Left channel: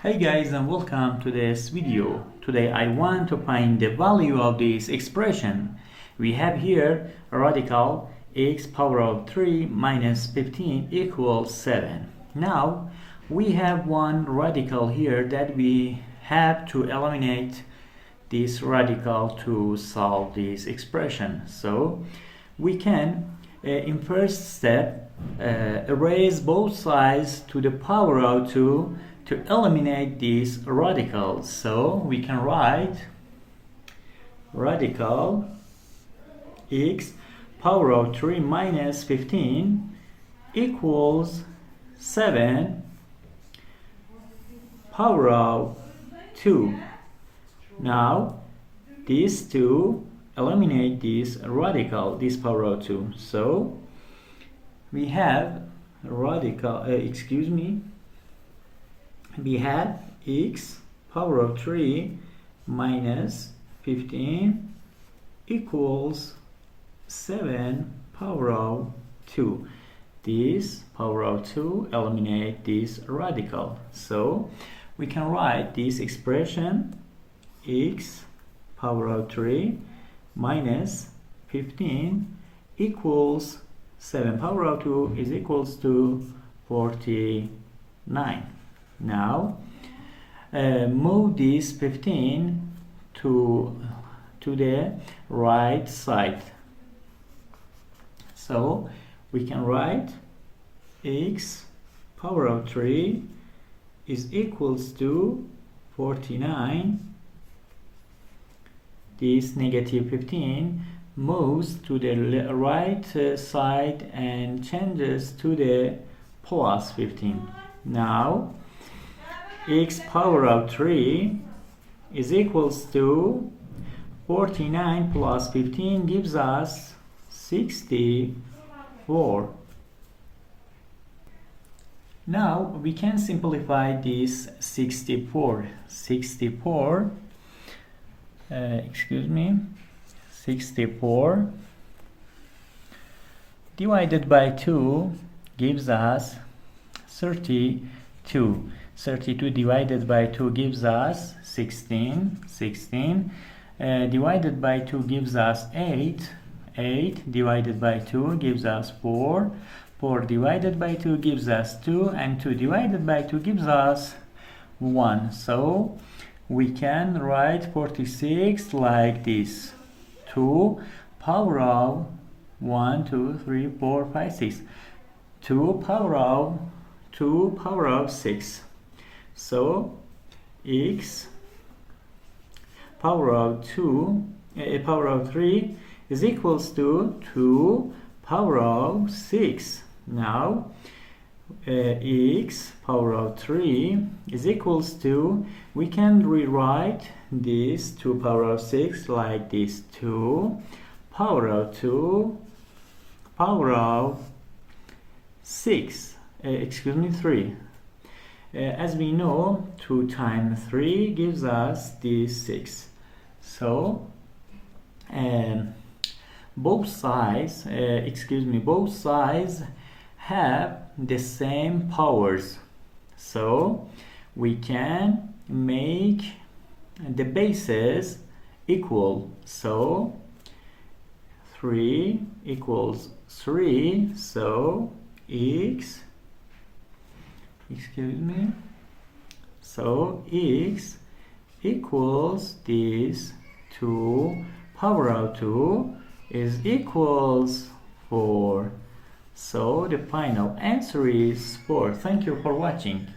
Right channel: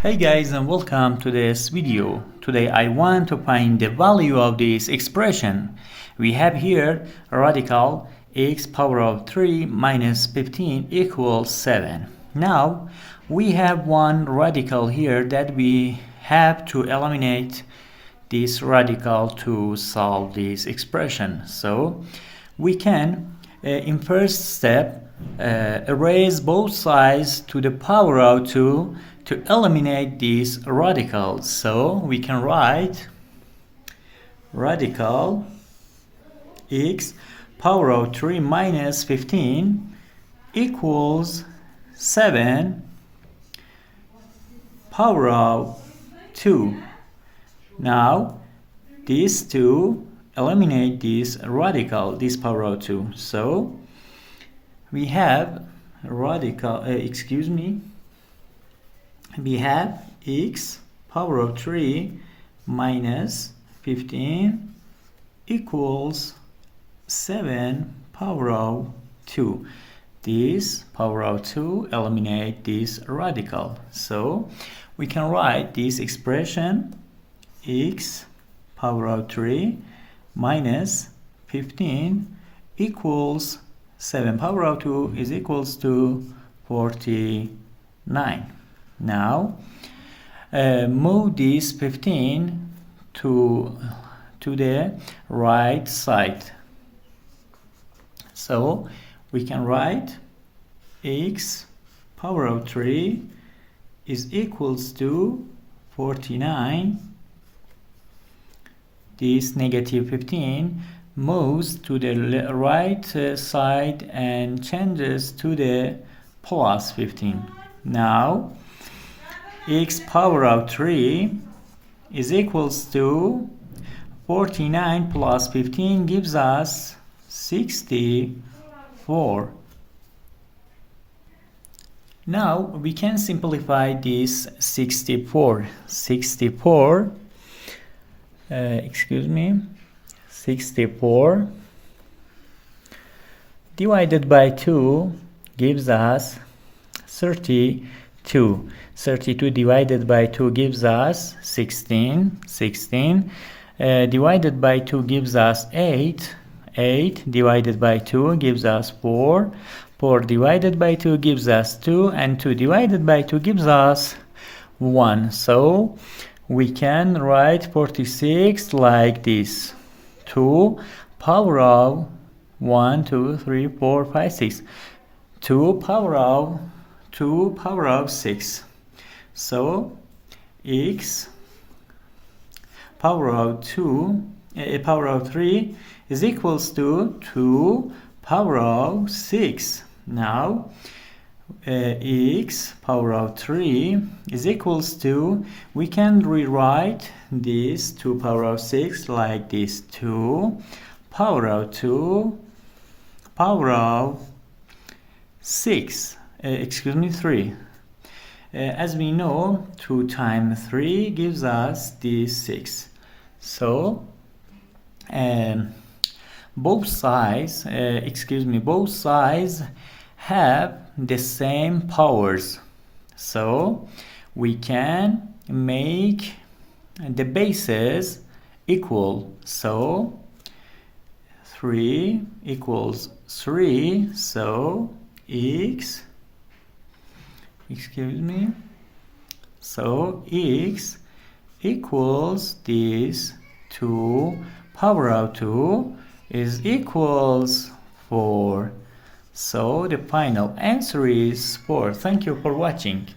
Hey guys, and welcome to this video. Today I want to find the value of this expression. We have here a radical x power of 3 minus 15 equals 7. Now we have one radical here that we have to eliminate this radical to solve this expression. So we can in first step erase both sides to the power of 2 to eliminate these radicals. So we can write radical x power of 3 minus 15 equals 7 power of 2. Now these two eliminate this radical, this power of 2. So we have radical, we have x power of 3 minus 15 equals 7 power of 2. This power of 2 eliminate this radical. So we can write this expression x power of 3 minus 15 equals 7 power of 2 is equals to 49. Now move this 15 to the right side. So we can write x power of 3 is equals to 49. This negative 15 moves to the right side and changes to the plus 15. Now x power of 3 is equals to 49 plus 15 gives us 64. Now we can simplify this 64 divided by 2 gives us 32. 32 divided by 2 gives us 16. Divided by 2 gives us 8. 8 divided by 2 gives us 4. 4 divided by 2 gives us 2. And 2 divided by 2 gives us 1. So we can write 46 like this. 2 power of 1, 2, 3, 4, 5, 6. 2 power of 6. So x power of 3 is equals to 2 power of 6. Now x power of 3 is equals to, we can rewrite this 2 power of 6 like this. 2 power of 2 power of 6 3. As we know, 2 times 3 gives us this 6. So both sides have the same powers. So we can make the bases equal. So 3 equals 3. So x equals this 2 power of 2 is equals 4. So the final answer is 4. Thank you for watching.